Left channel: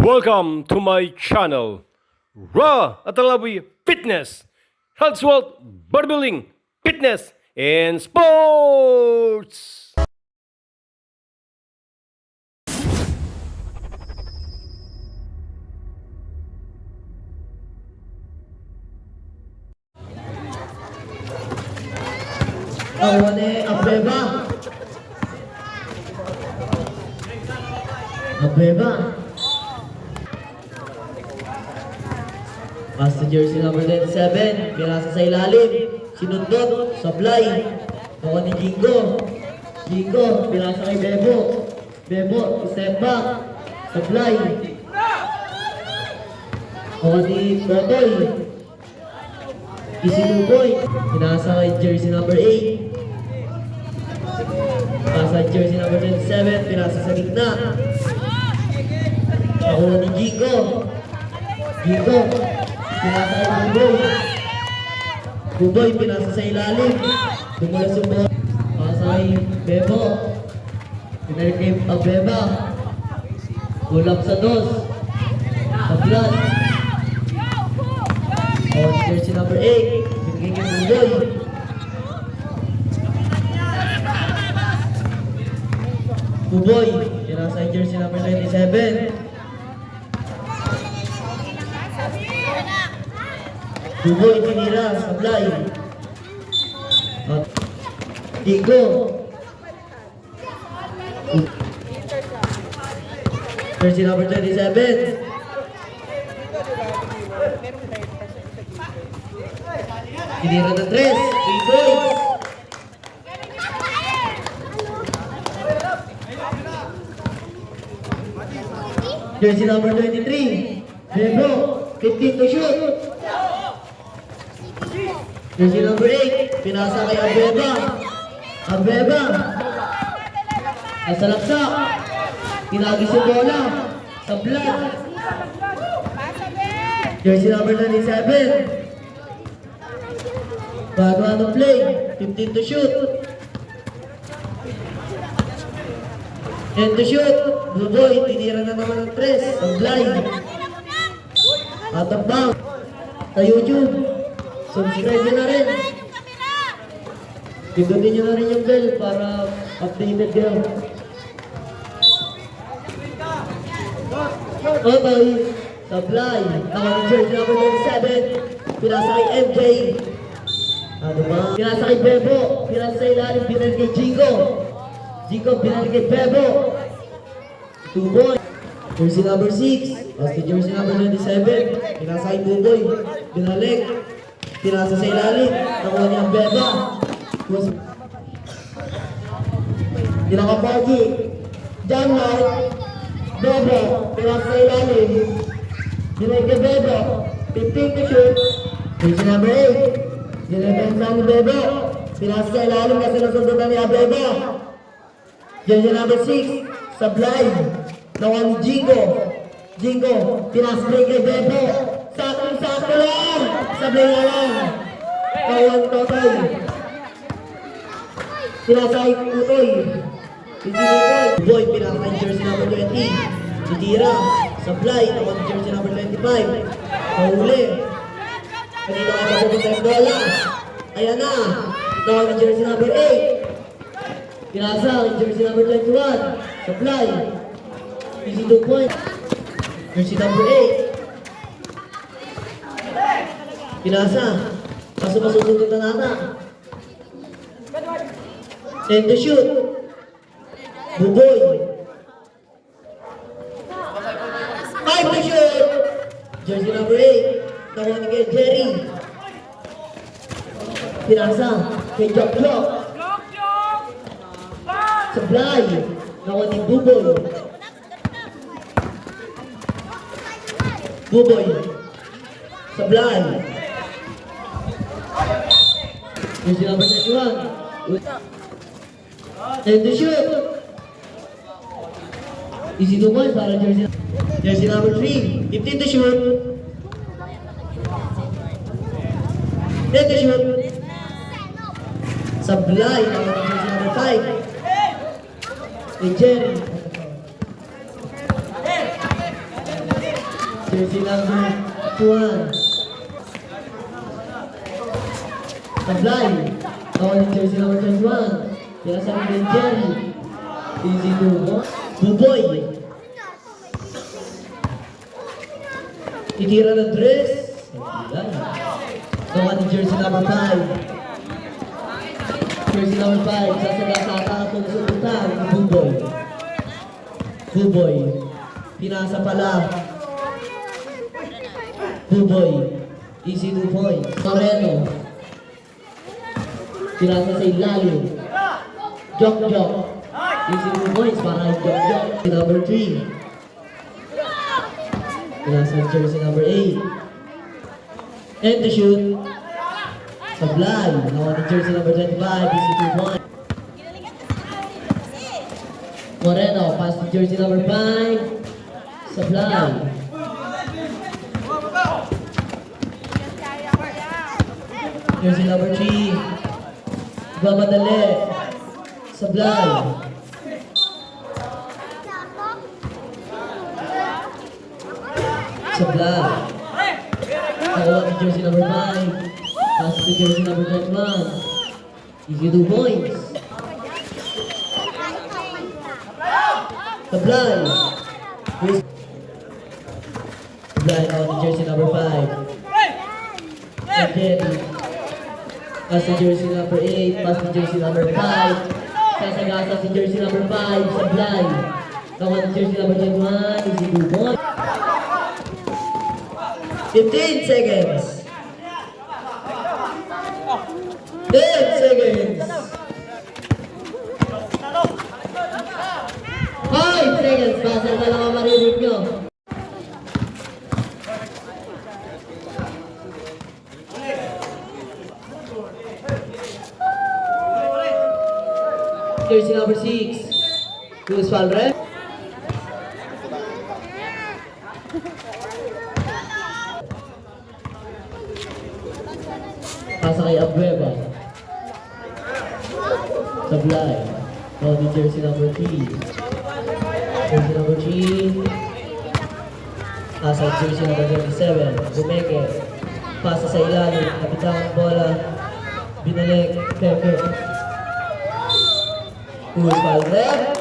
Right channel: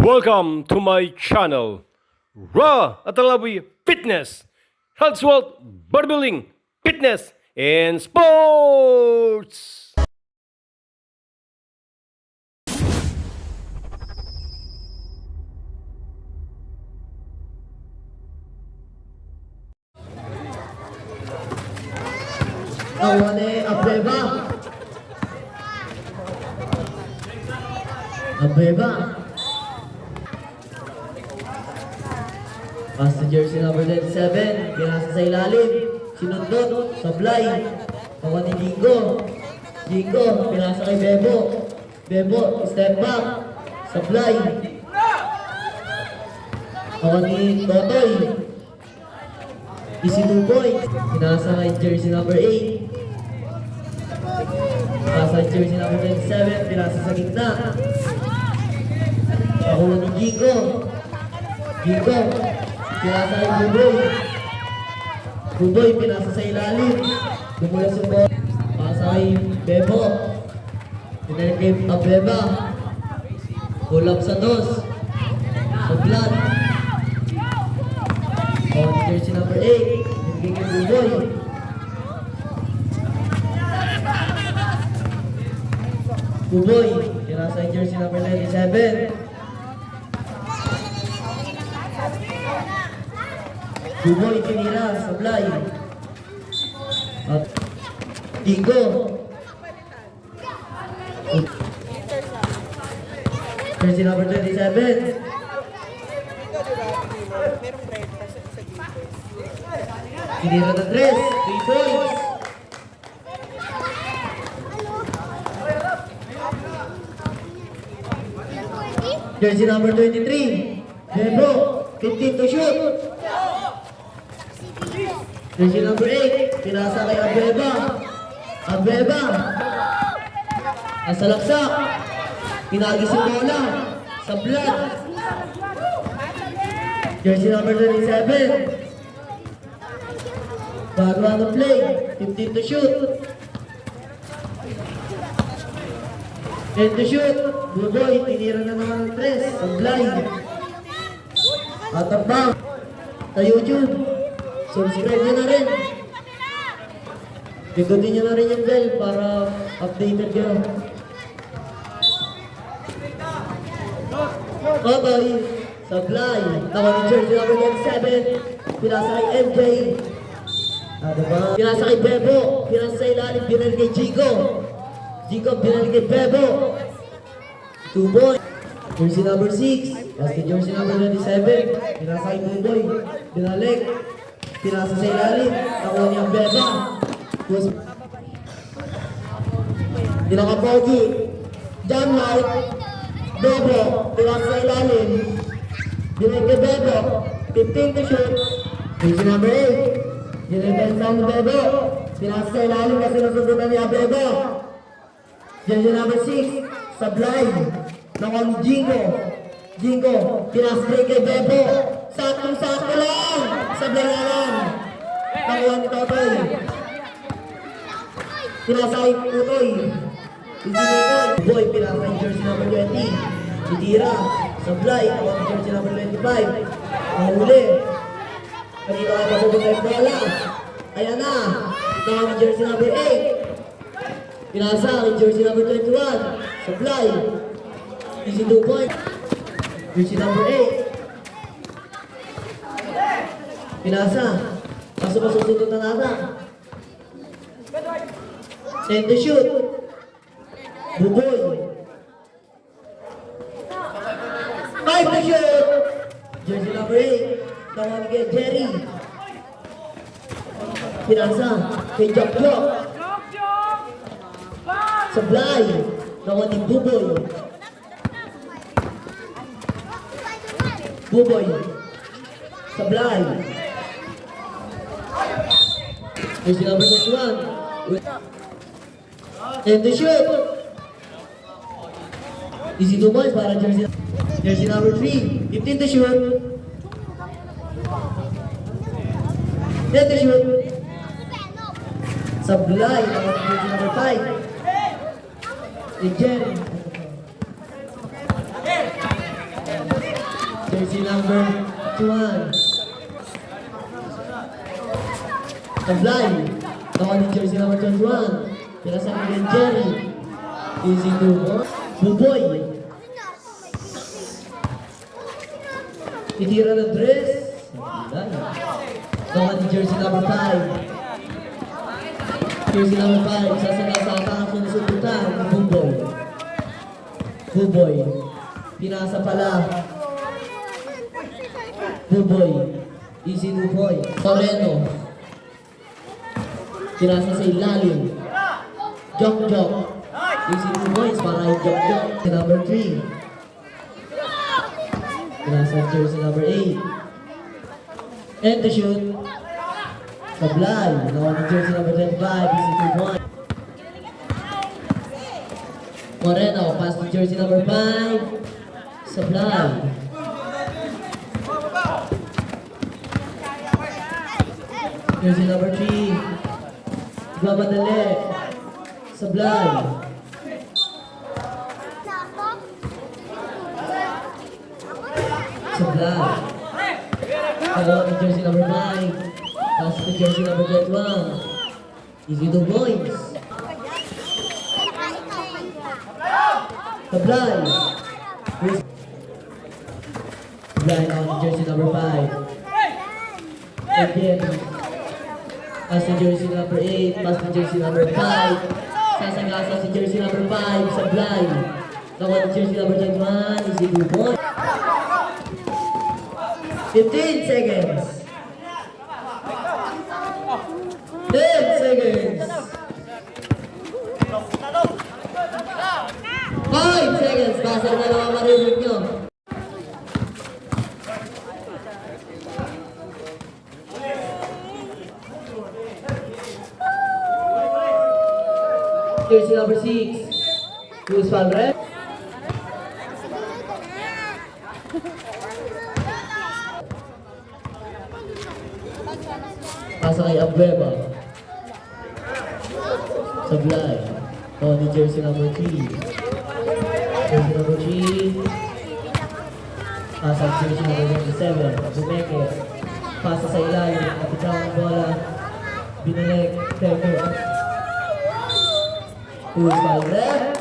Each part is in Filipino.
Welcome to my channel, Raw Atalawi Fitness, Health, Wealth, Bodybuilding, Fitness, and Sports! Awale Abeba. Abeba. Master jersey number 27, pinasa sa ilalim. Sinundot, sablay. Ako ni Jingo. Jingo, pinasa kay Bebo. Bebo, step back. Sablay. Ako ni Totoy. Easy 2 points. Pinasa kay jersey number 8. Pinasa kay jersey number 27, pinasa sa gitna. Ako ni Jingo. Jingo. Pinasa kay Buboy. Buboy, pinasa sa ilalim. Dumulas yung ball. Pinasa kay Bebo. Pinasa kay Pabeba. Pull-up sa dos. Sa flat. On jersey number 8. Binigay kay Buboy. Buboy, pinasa kay jersey number 97. Buboy, tinira, sablay. At Digo. Jersey number 27. Tinira ng 3. 3 points. Jersey number 23. Bebo, 15 to shoot. Jersey number 8, pinasa kay Abeba. Abeba. Nasa laksa. Pinagis yung bola. Sa blood. Jersey number 27. Bago ano play. 15 to shoot. 10 to shoot. Buboy, tinira na naman ng 3. Sa blind. Out of bounds. Sa YouTube. Subscribe nyo na rin. Pindutin nyo na rin yung bell para updated kayo. Okay. Supply. Nakang jersey number 7. Pinasa kay MJ. Diba? Pinasa kay Bebo. Pinasa sa ilalim. Binali kay Jigo. Jigo, binali kay Bebo. 2 boy. Jersey number 6. Basta jersey number 27. Pinasa kay Buboy. Binalik. Pinasa sa ilalim. Nakuha niya ang Beba. Pinaka-pogi. Jam light. Bebo. Pinasa sa ilalim. Binay ka Bebo. 15 to shoot. Jersey number 8. Dinabang ng Bebo. Pinasa sa ilalim kasi nasundutan niya Bebo. Jersey number 6. Sablay. Nakuha ni Jingo. Jingo. Pinasa kay Bebo. Sakto lang. Sablay na lang. Kawalan Totoy. Pinasay Totoy. Boy, pinasay jersey number 20. Titira. Sablay. Ako ang jersey number 25. Mahuli. Kanina ka papupunta yung bola. Ayan na. Ako ang jersey number 8. Pinasa ang jersey number 21. Sablay. Easy 2 points. Jersey number 8. Pinasa. Kaso masusunod na nata. 10 to shoot. Buboy. 5 to shoot. Jersey number 8. Nakuha ni kay Jerry. Pinasa. Kay Jok. Sablay. Nakuha ni Buboy. Buboy. Sablay. Jersey number 21. And the shoot. Easy 2 points para jersey number 3. 15 to shoot. 10 to shoot. Sablay. Jersey number 5. Jerry. jersey number 1. Taglay. Nakuha ni jersey number 21. Pinasama ni Jerry. Easy to go. Buboy. Titira ng dress. Nakuha ni jersey number 5. Jersey number 5. Sasagasa ng subutan ni Buboy. Buboy. Pinasa pala. Buboy. Easy 2 points. Toreno. Pinasa sa ilalim. Jok. Easy 2 points para kay Jok. Number 3. Pinasa jersey number 8. And to shoot. Sablay. Nakuha ni jersey number 25. Easy 2 points. Moreno. Pass to jersey number 5. Sablay. Jersey number 3. Mamadali. Sablay. Sablay. Nakuha ni jersey number 5. Pass to jersey number 21. Easy 2 points. Sablay. Sablay nakuha ni jersey number 5. Again. Pass to jersey number 8. Pass to jersey number 5. Sasagasa si jersey number 5. Sablay. Nakuha ni jersey number 21. Easy 2 points. 15 seconds. 10 seconds. 5 seconds. Pasal na lang ang marinig nyo. Jersey number 6. Luis Valre. Pasa kay Abueva. Sablay. Nakuha ni jersey number 3. Jersey number 3. Pasa jersey number 27. Bumeke. Pasa sa ilalim. Napitan ang bola. Binalik. Pepper. Luis Valre.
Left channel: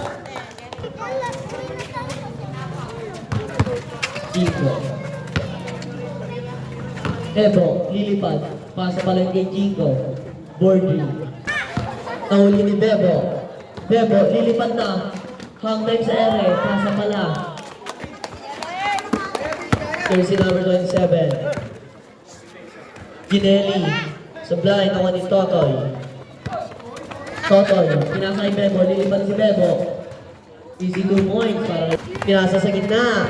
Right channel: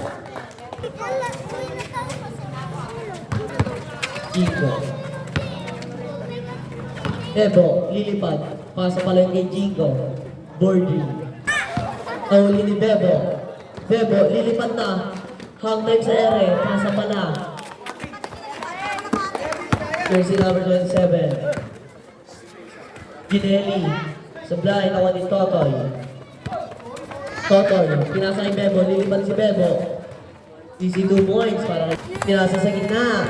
Jinko. Ebo, lilipat. Pasa pala yung kay Jinko. Bordy. Nahuli ni Bebo. Bebo, lilipat na. Hangman sa ere. Pasa pala. Jersey number 27. Ginelli. Sablay, nakuha ni Totoy. Totoy, pinasa kay Bebo, lilipat si Bebo. Easy 2 points para pinasa sa gitna.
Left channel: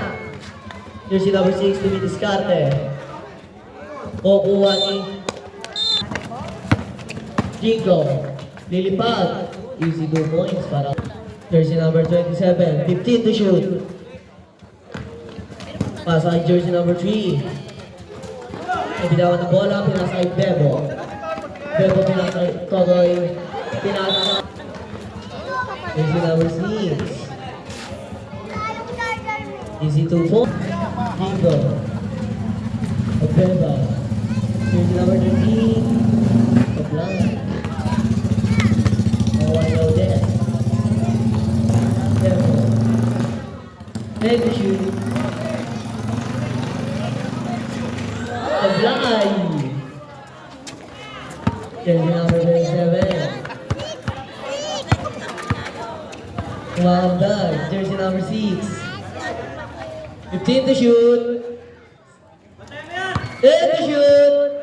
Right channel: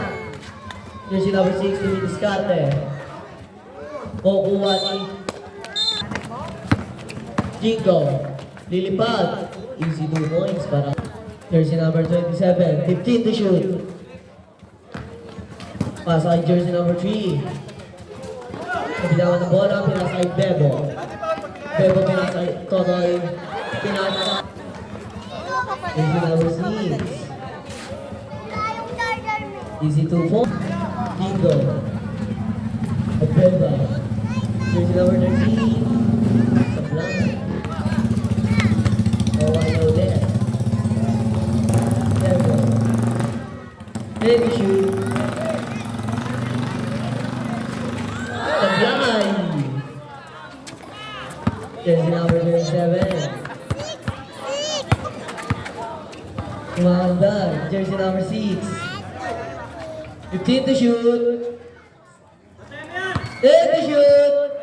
Jersey number 6, Tumi Discarte. Kukuha ni Jinko. Lilipat. Easy 2 points para jersey number 27. 15 to shoot. Pasa kay jersey number 3. Nabitawan ng bola, pinasa kay Bebo. Bebo pinasa kay Totoy. Pinasa jersey number 6. Easy 2 points. Jinko. Abueva. Jersey number 13. Sablay. Nawayo din. Bebo. Heavy shoot. Sablay. Jersey number 27. Kumandar. Jersey number 6. 15 to shoot. 10 to shoot.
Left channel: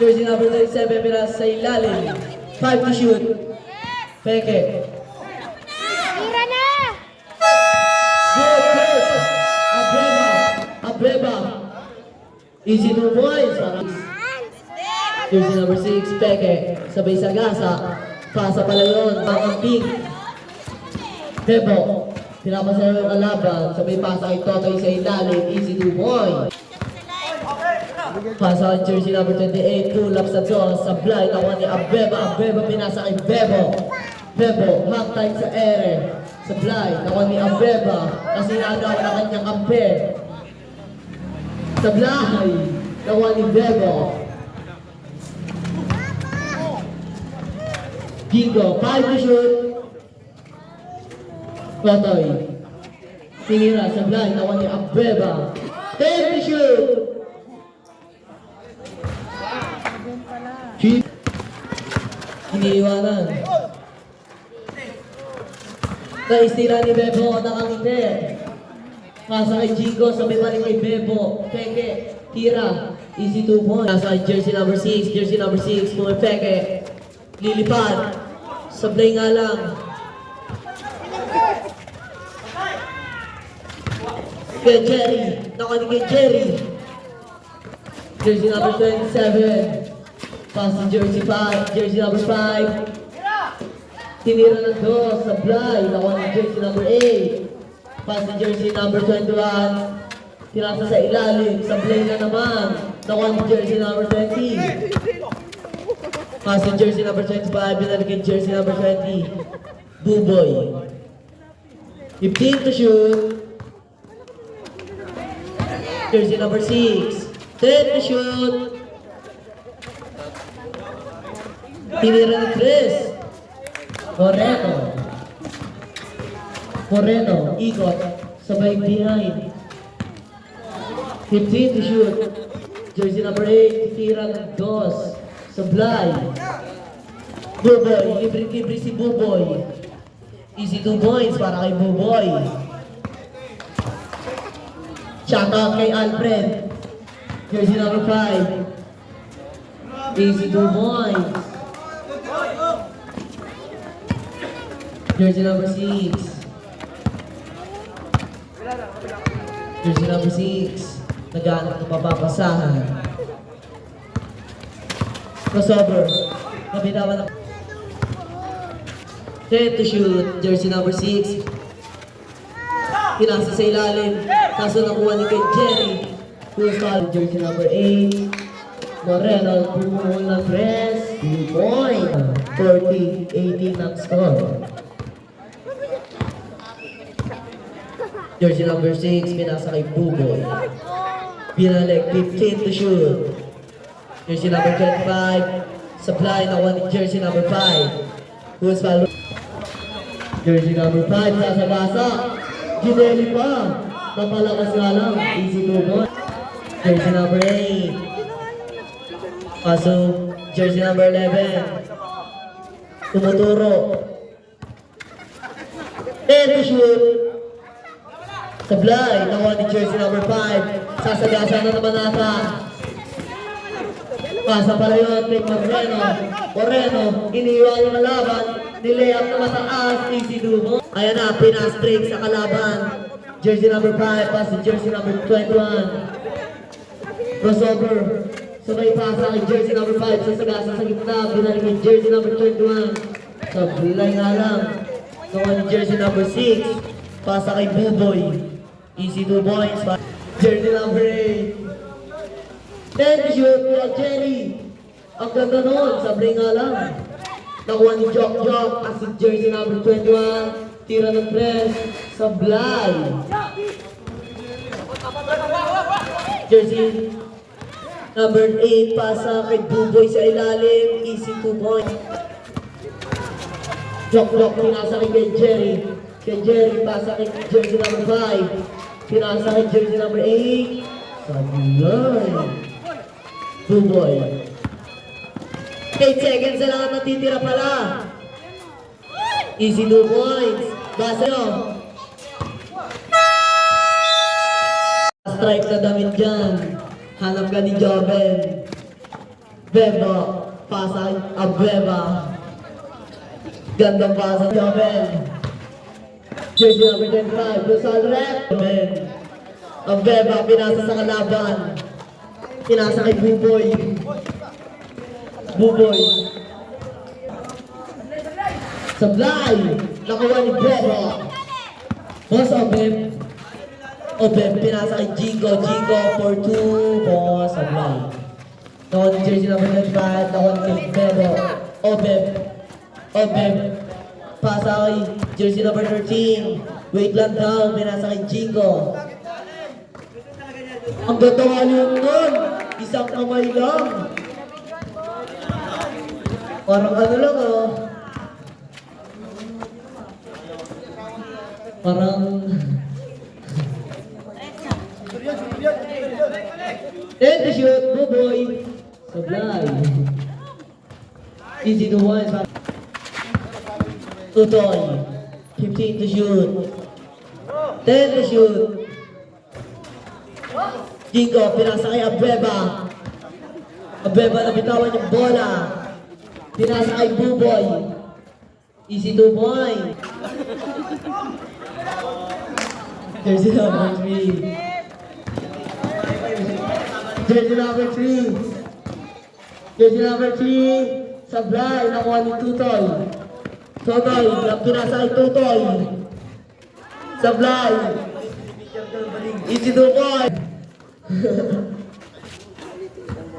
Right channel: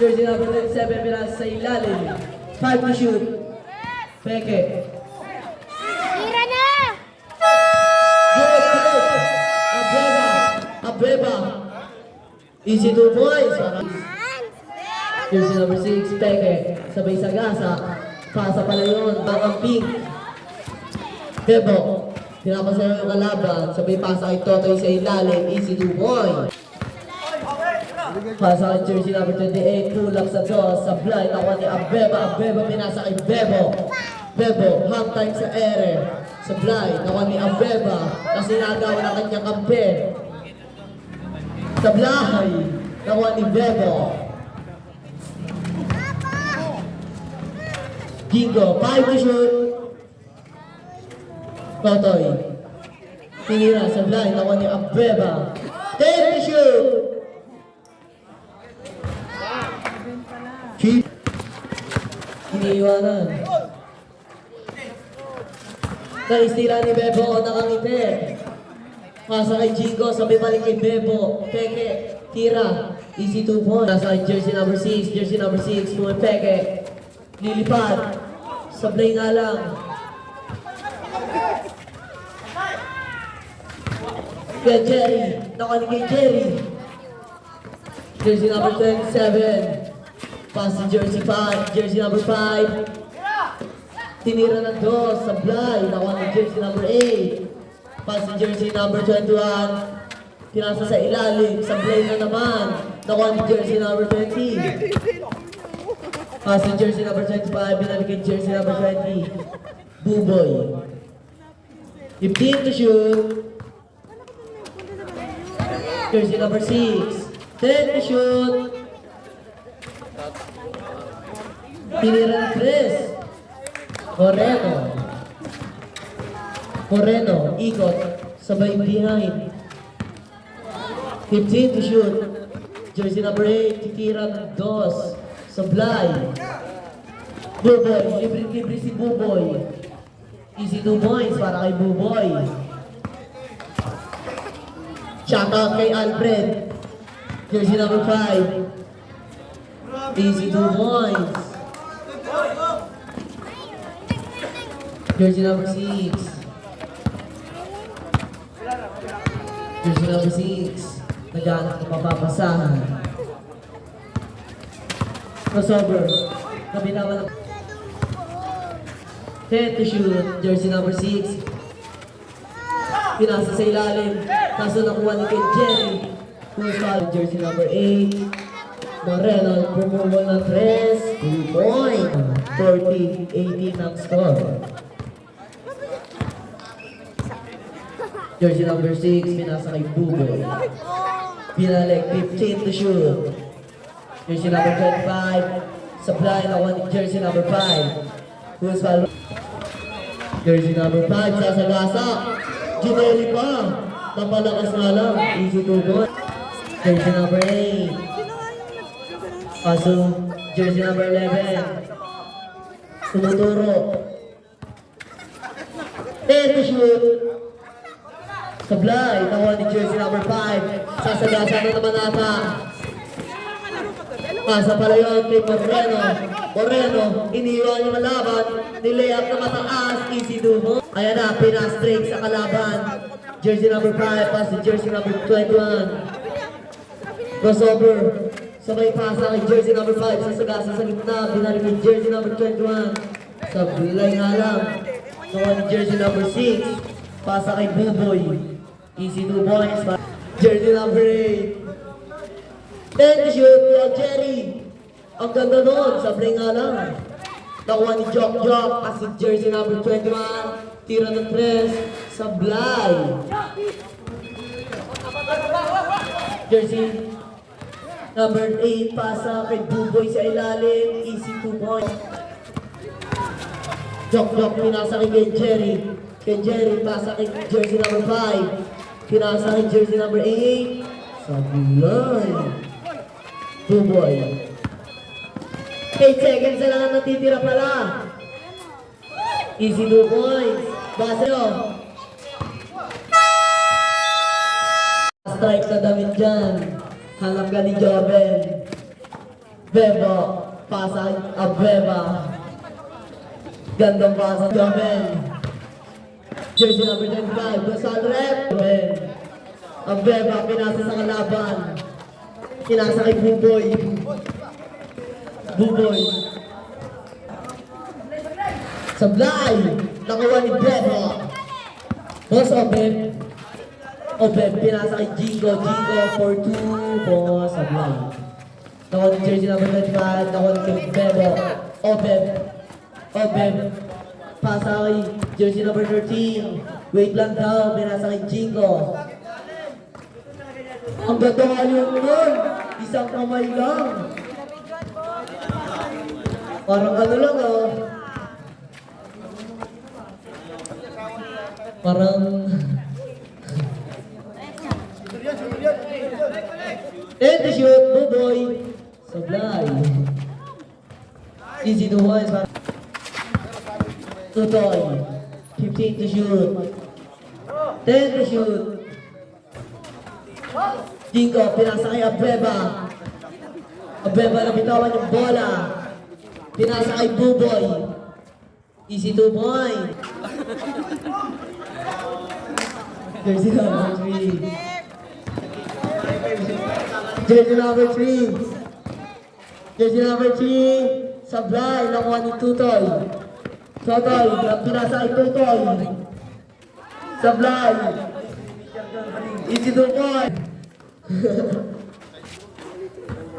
Jersey number 37, Miras sa ilalim. 5 to shoot. Peke. Tira na! Good. Abueva. Easy 2 points. Jersey number 6, Peke. Sabay sa gasa. Pasa pala yun. Ang pink. Bebo. Tinapos na yung kalaban. Sabay pasa kay Totoy sa ilalim. Easy 2 points. Pasa kay jersey number 28. Pull up sa draw. Sablay. Nakuha ni Abueva. Abueva pinasa kay Bebo. Bebo. Half time sa ere. Sablay. Nakuha ni Abueva. Kasi nagawa na kanyang kampe. Sablay. Nakuha ni Bebo. Jingo, 5 to shoot. Totoy. Tinira, Sablay. Nakuha ni Abreva. 10 to shoot. Iniiwanan. Naistira ni Bebo, nakangiti. Pasa kay Jingo, sabi pa rin kay Bebo. Peke, tira. Easy 2 points. Nasa kay jersey number 6, Pumay Peke. Lilipad. Sablay nga lang. Kaya Jerry, nakanig kay Jerry. Jersey number 27. Pass to jersey number 5. Tinira ng dos, Sablay, nakuha ng jersey number 8. Pass to jersey number 21. Tinasa sa ilalim, Sablay na naman. Nakuha ng jersey number 20. Pass to jersey number 25, binalik yung jersey number 20. Buboy. 15 to shoot. Jersey number 6. 10 to shoot. Tinira ng Chris. Moreno, ikot, sabay behind. 15 to shoot. Jersey number 8, tira ng dos. Sablay. Buboy, libre-libre si Buboy. Easy 2 points para kay Buboy. Shout out kay Alfred. Jersey number 5. Easy 2 points. Jersey number 6. Jersey number 6. Naghanap ng mapapasahan. Crossover. Kabilaban ng 10 to shoot. Jersey number 6. Pinasa sa ilalim. Kaso nakuha ni kay Jerry. Who's fouled? Jersey number 8. Moreno. Removal ng press. 2 point. 14-18 ang score. Jersey number 6, pinasa kay Buboy. Pinalik, 15 to shoot. Jersey number 25, supply na one jersey number 5. Who's fouled? Jersey number 5, sasagasa. Ginelli pa. Napalakas nga lang. Easy 2 points. Jersey number 8. Kaso, jersey number 11. Tumuturo. 10 to shoot. Sablay, nakuha ni jersey number 5. Sasagasa na naman nata. Pasa pala yun, kay Moreno, iniwan yung malaban. Nilayap na mataas, easy dumo. Ayan na, pinastraight sa kalaban. Jersey number 5, pass to jersey number 21. Crossover. Sabay pasa kay jersey number 5. Sasagasa sa gitna, binalik yung jersey number 21. Sablay nga lang. Nakuha ni jersey number 6. Pasa kay Buboy. Easy 2 points. Jersey number 8. 10 to shoot kaya Jerry. Ang ganda nun. Sablay nga lang. Nakuha ni Jock. As in jersey number 21. Tira ng press. Sablay. Jersey number 8. Pasa kay Buboy sa ilalim. Easy 2 points. Jock. Pinasa kay Jerry. Kay Jerry, pasa kay jersey number 5. Pinasa kay jersey number 8. Sablay. Buboy. 8 seconds na lang natitira pala. Easy 2 points. Basa nyo. Strike na damit dyan. Hanap ka ni Joven. Bebo. Pasa kay Abreva. Gandang pasa Joven. Jersey number 25, Rizal Rep. Ang Beba, pinasa sa kalaban. Pinasa kay Buboy. Sablay. Nakuha ni Beba. Boss Obeb. Pinasa kay Jingo for 2. Boss Sablay. Nakuha ni jersey number 25. Nakuha ni Beba. Obeb. Pasa kay jersey number 13. Wait lang daw, pinasa kay Jingo. Ang ganda nga yun. Isang kamay lang. Parang ano lang oh. Parang... And to shoot, Buboy. Supply. Easy to one. Tutoy. 15 to shoot. 10 to shoot. Jingo, pinasa kay Abueva. Abueva na bitawan yung bola. Pinasa kay Buboy. Easy 2 point. Jersey number 3. Jersey number 3. Jersey number 3. Sablay, nakuha ni Tutoy. Tutoy, pinasa kay Tutoy. Sablay. Easy 2 point.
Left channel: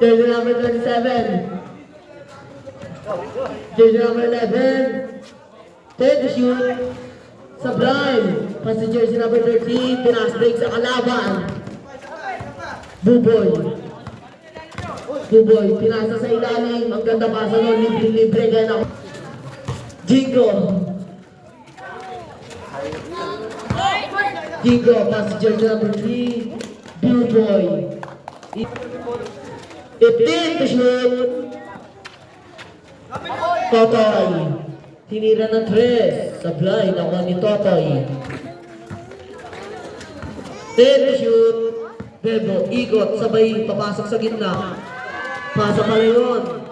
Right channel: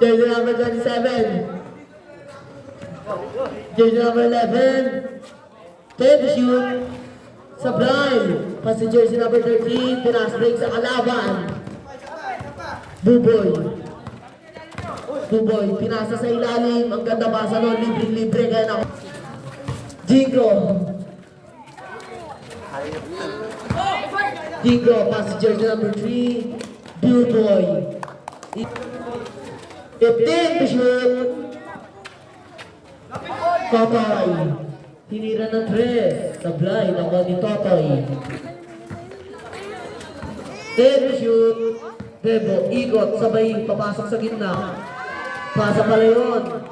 Jersey number 27. Jersey number 11. 10 to shoot. Sublime. Pass to jersey number 13. Punas break sa kalaban. Buboy. Buboy. Pinasa sa ilalim. Ang ganda pasa nun. Libre-libre. Kaya na. Jingo. Jingo. Pass to jersey number 3. Buboy. 15 to shoot. Totoy. Tinira ng 3. Sablay. Nakuha ni Totoy. 10 to shoot. Bebo. Ikot. Sabay. Papasok sa gitna. Pasa pala yun.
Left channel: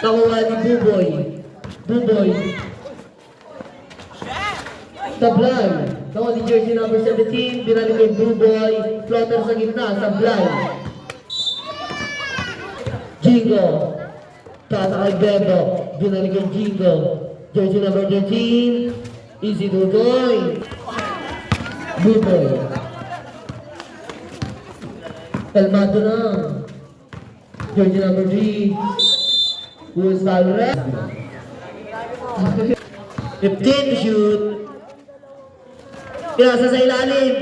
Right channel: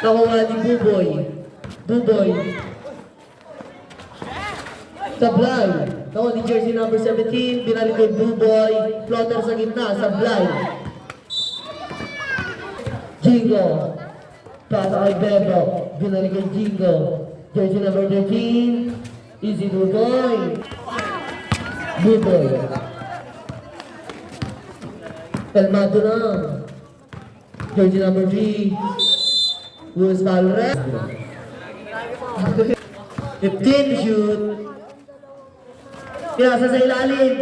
Nakuha ni Buboy. Buboy. Sablay. Nakuha ni jersey number 17. Binalik kay Buboy. Floater sa gitna. Sablay. Jingo. Pasa kay Bebo. Binalik kay Jingo. Jersey number 13. Easy Buboy. Buboy. Kalmado na. Jersey number 3. Luis Valres. 15 to shoot. Pinasa sa ilalim.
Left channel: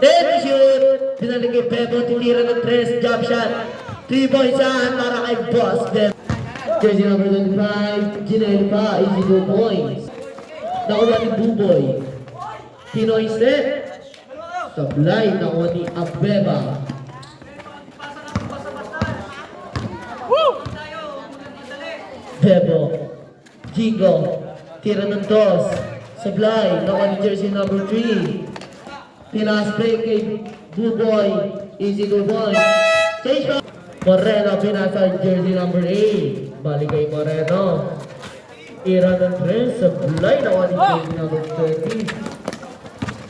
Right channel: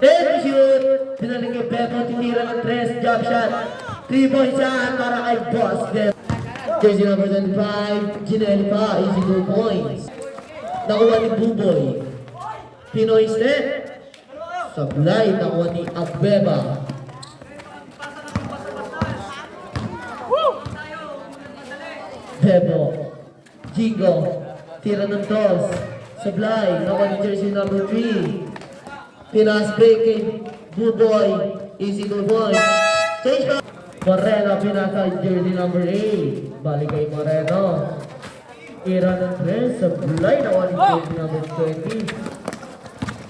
10 to shoot. Binalik kay Bebo. Tinira ng 3. Jump shot. 3 points siya para kay Boss Ben. Jersey number 25. Ginelpa. Easy 2 points. Nakuha ni Buboy. Pinoy step. Sablay. Nakuha ni Abueva. Bebo. Jingo. Tira ng toss. Sablay. Nakuha ni jersey number 3. Pinaspray kay Buboy. Easy 2 points. Change back. Moreno pinasa jersey number 8. Balik kay Moreno. Tira ng 3. Sablay. Nakuha ni jersey number 30.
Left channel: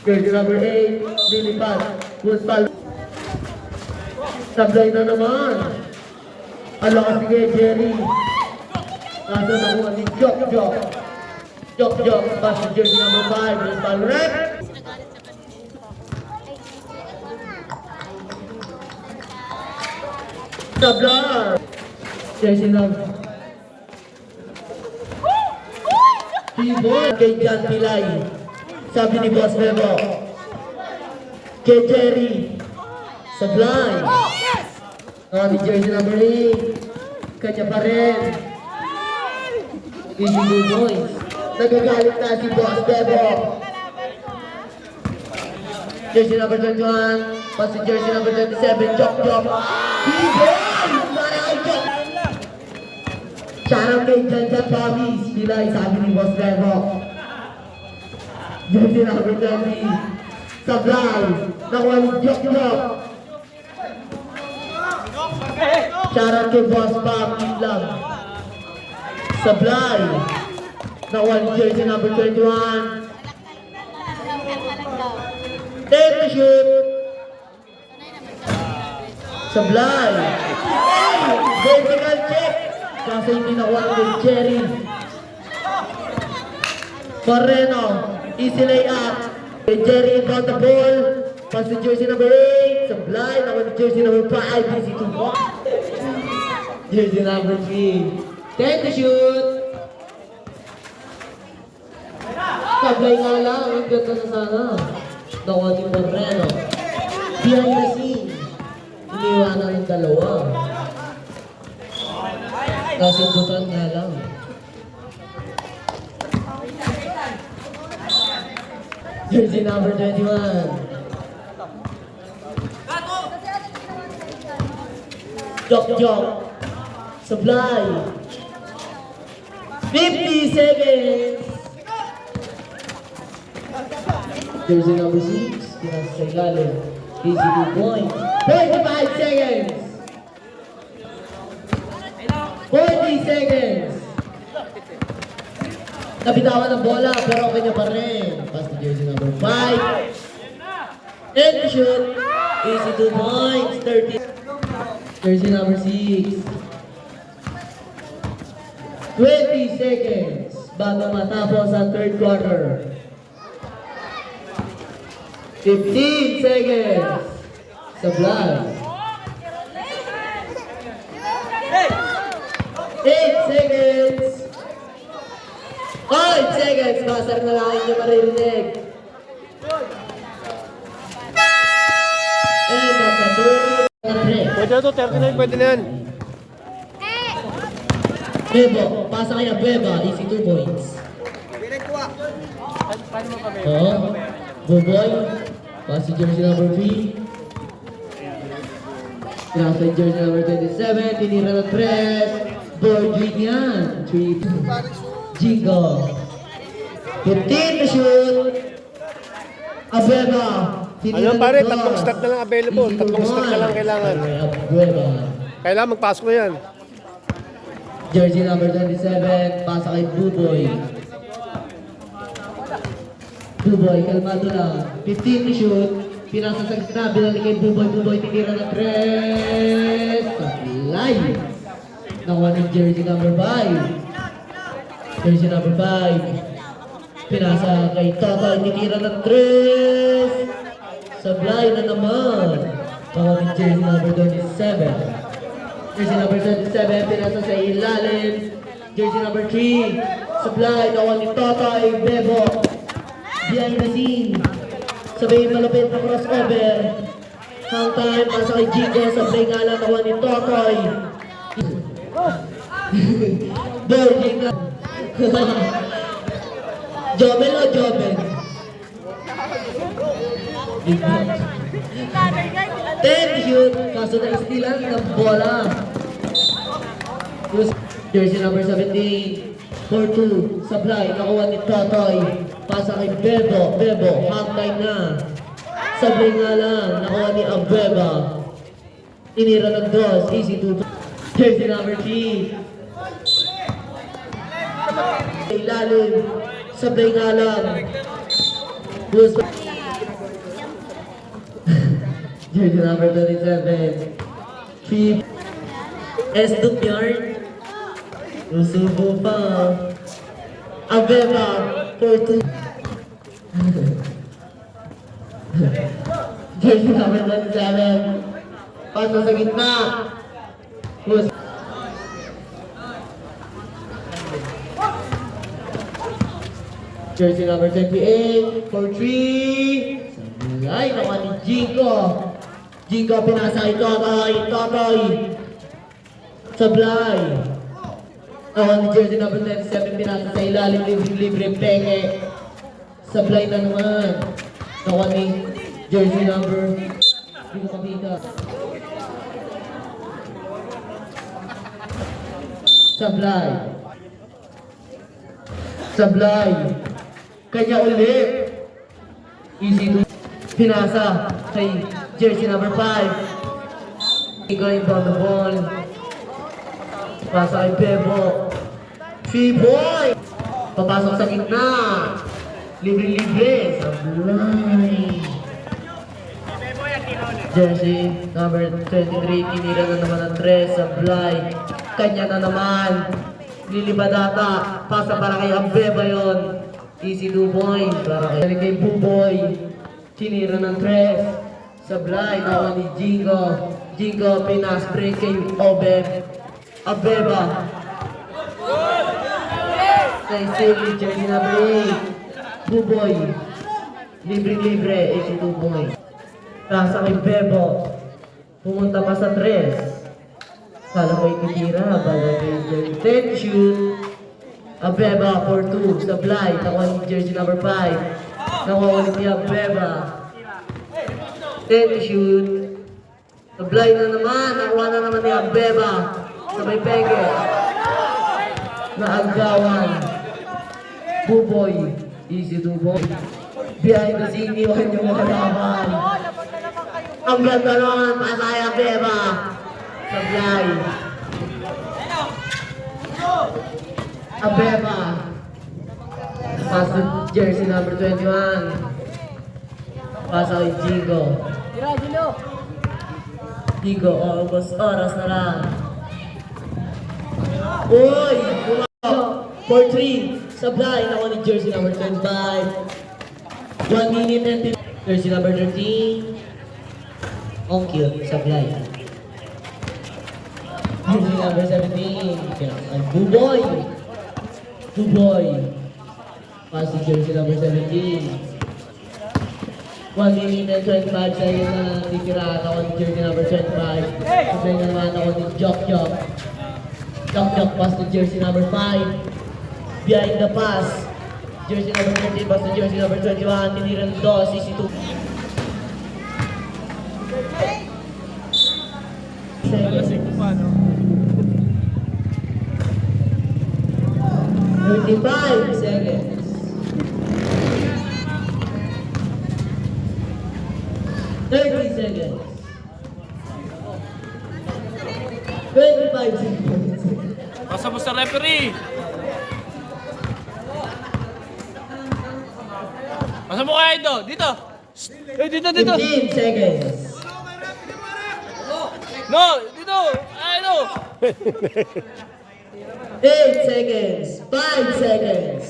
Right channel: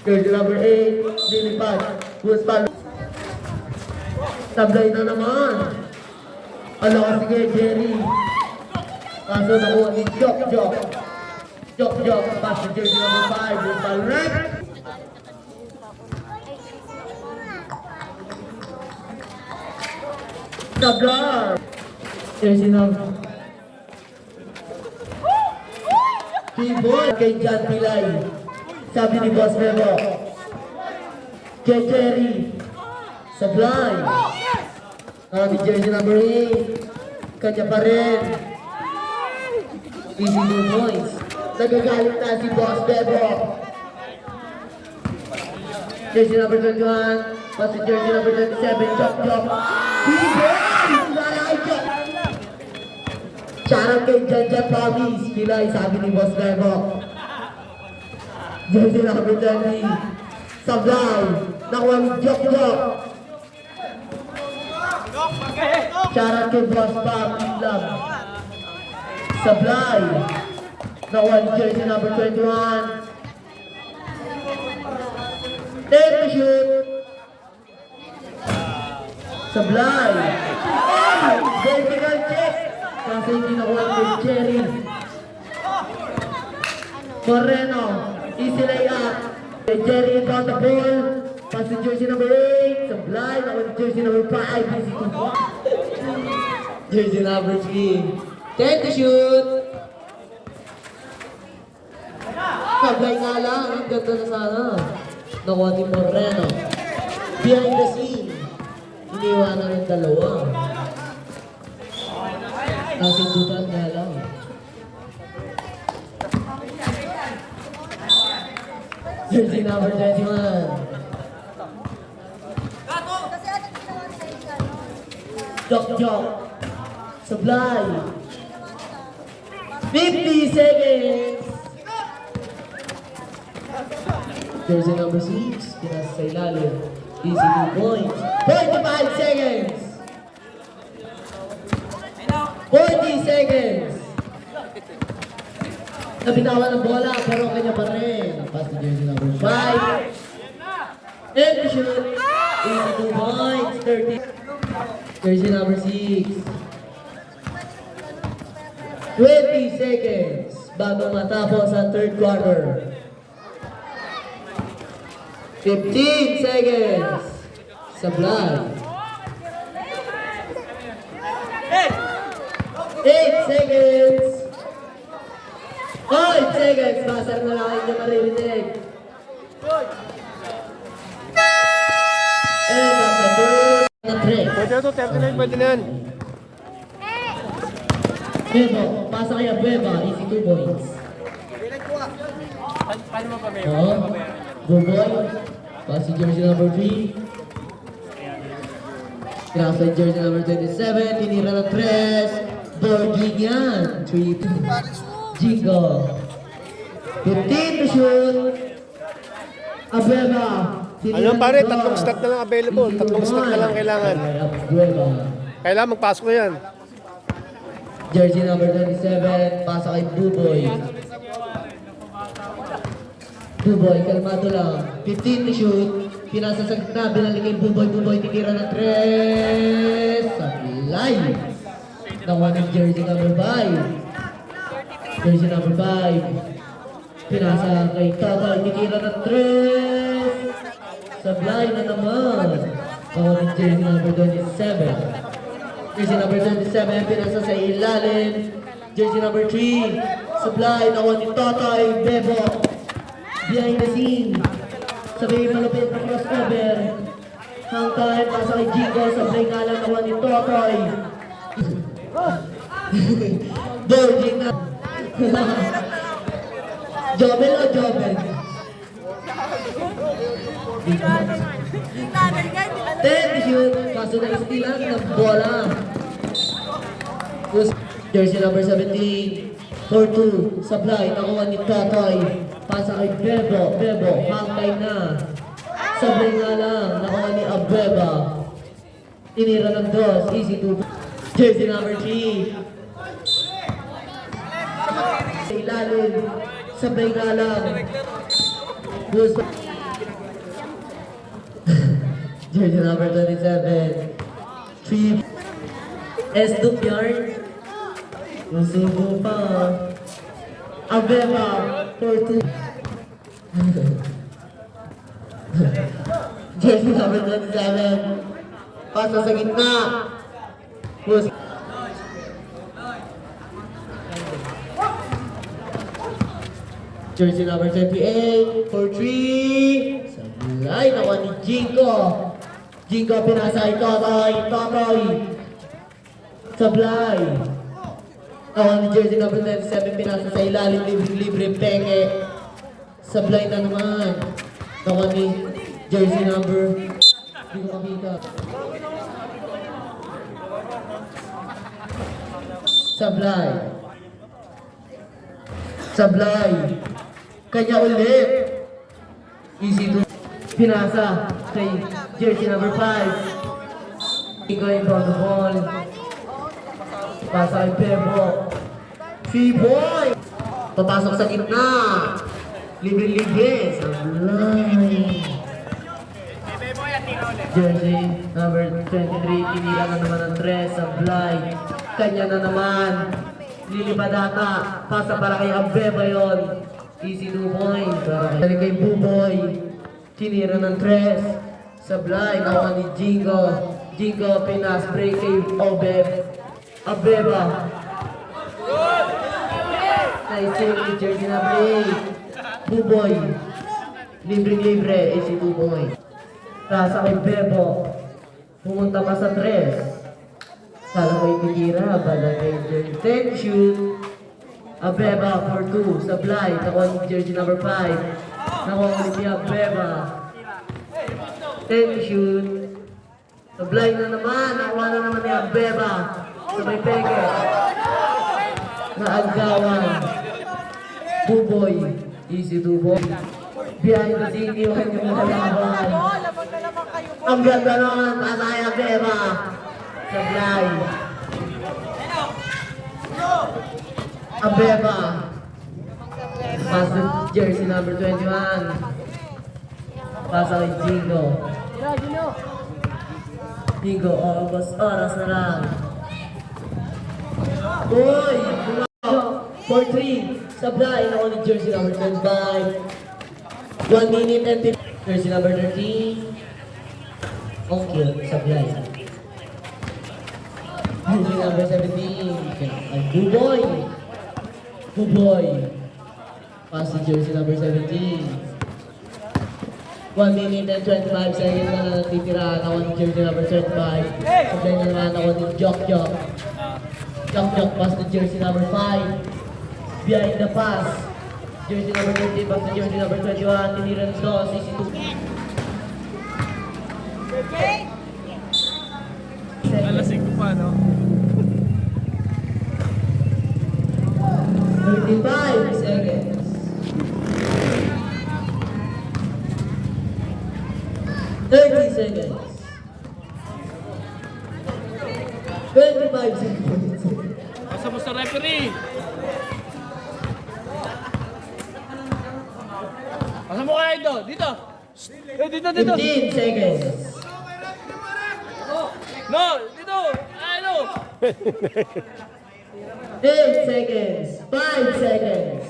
Jersey number 8. Lilipat. Luspal. Sablay na naman. Ano ka sige, Jerry. Kaso nakuha ni Jok. Jok. Pass to jersey number 5. Luspal rep. Sablay. Jersey number. T-boy kay John Pilay. Sabi ni Boss Bebo. Kay Jerry. Sablay. Ni jersey number 8. Kanya pa rin. Easy 2 points. Nagagalit na si Boss Bebo. Jersey number 31. Pass to jersey number 37. Jok. T-boy! Shoutout kay John Bobbies. Pilay, sabi ni Boss Bebo. Jersey number 20. Sablay. Nakuha ni Jok. Shoutout kay Boss Bobby Lang. Sablay. Nakuha ni jersey number 21. Take the shoot. Sablay. Vertical check. Kasi hindi nakuha kay Jerry. Moreno. Easy layup. Kay Jerry inbound the ball. Pass to jersey number 8. Sablay. Nakuha ni jersey number 5. Easy 2 points. Jersey number 3. Take the shoot. Sablay nga lang. Ang ganda na sana. Nakuha ni Moreno. Behind the scene. Iniwanan ng dalawa. Kasundutan nga lang. Jersey number 21. Jok. Supply. 50 seconds. Jersey number 6. Pinasa sa ilalim. Easy 2 points. 35 seconds. 40 seconds. Nabitawan ng bola pero kanya pa rin. Pass to jersey number 5. And to shoot. Easy 2 points. 30. Jersey number 6. 20 seconds bago matapos ang third quarter. 15 seconds. Sublime. 8 seconds. 5 seconds. Master na lang yung maririnig. And after third. Pwede na to, 39, pwede na yan. Bebo, pasa kaya Beba, easy 2 points. Oh, Buboy, pass to jersey number 3. Pinasa jersey number 27, tinira ng 3. Virgin yan, 3 points. Jingo. 15 to shoot. Abeba. Ano pare, tatlong step na lang available. Tatlong step na lang kailangan. Abeba. Kailangan magpasok na yan. Jersey number 27, pasa kay Buboy. Buboy, kalmado lang. 15 to shoot. Pinasa sa gitna, binalik kay Buboy. Buboy, tinira ng 3. Sablay. Nakuha ni jersey number 5. Jersey number 5. Pinasa kay Tatay, tinira ng 3. Sablay na naman. Nakuha ni jersey number 27. Jersey number 77, pinasa sa ilalim. Jersey number 3, supply, nakuha ni Tatay, Bebo. Behind the scene. Sabay malapit na crossover. Hang time, pasa kay Jigo, sabay nga lang nakuha ni Tatay. Virgin na. Jobel o Jobel? 10 shoot, kaso na istilan ng bola. Jersey number 17, 4-2, supply, nakuha ni Totoy. Pasa kay Bebo, hantay na. Sabay nga lang, nakuha ni Abueva. Tinira ng 2, easy 2. Jersey number 3. Ilalim, sabay nga lang. Jersey number 27. 3. S2 yarn. Usubo pa. Abeba. 4-2. Jersey number 27. Pasa sa gitna. Jersey number 28. 4-3. Sablay. Nakuha ni Jingo. Jingo pinasa kay Totoy. Sablay. Nakuha ni jersey number 27, pinasa sa ilalim, libre peke. Sablay na naman. Nakuha ni jersey number, hindi ko kabita. Sablay. Kanya ulit. Easy to. Pinasa kay jersey number 5. Going down the ball. Pasa kay Bebo. 3 points. Papasok sa gitna. Libre. Sablay. Jersey number 23. Tinira na naman ng 3. Sablay. Kanya na naman. Lilibadata. Pasa para kay Abeba yun. Easy 2 points. Para kay Buboy. Tinira ng 3. Sablay. Nakuha ni Jingo. Pinas break kay Abeba. Nice save, jersey number 8. Buboy. Libre-libre, easy 2 points. Kasa kay Bebo. Pumunta pa sa 3. Kala ko itutira, bala kay Jerry. 10 shoot. Abeba for 2. Sablay, nakuha ni jersey number 5. Nakuha ulit ni Abeba. 10 shoot. Sablay na naman, nakuha na naman ni Abeba. Sa may pege. Naagawan. Buboy. Easy Buboy. Behind the scene, iwan yung mga kalaban. Ang ganda nun, nasa kay Abeba. Sablay. Abeba. Pass to jersey number 21. Pass kay Jingo. Jingo, almost oras na lang. Uy! For 3. Sablay na only jersey number 25. 1 minute and 50. Jersey number 13. Okay, Sablay. Jersey number 17. Ang Buboy. Buboy. Pass to jersey number 17. 1 minute and 25 seconds na lang titira ako ng jersey number 25. Sablay na lang ako ng Jok Jok. Jok Jok pass to jersey number 5. Behind the pass. Jersey number 13 pass to jersey number 21. Tinira nito, CC2. Alasing ko pa, no? 35 seconds. 30 seconds. 25 seconds. Pasa mo sa referee. Pasa mo kaya ito. Dito. Eh, dito, dito. 15 seconds. No, dito. Ano? 8 seconds. 5 seconds.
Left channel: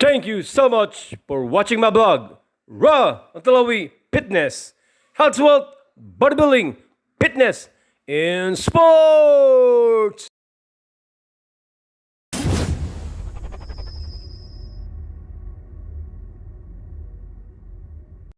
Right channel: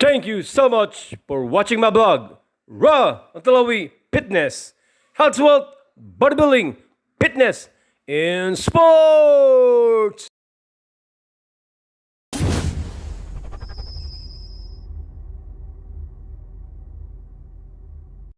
Thank you so much for watching my blog, Raw Antalawi Fitness, Health, Wealth, Bodybuilding, Fitness, and Sports.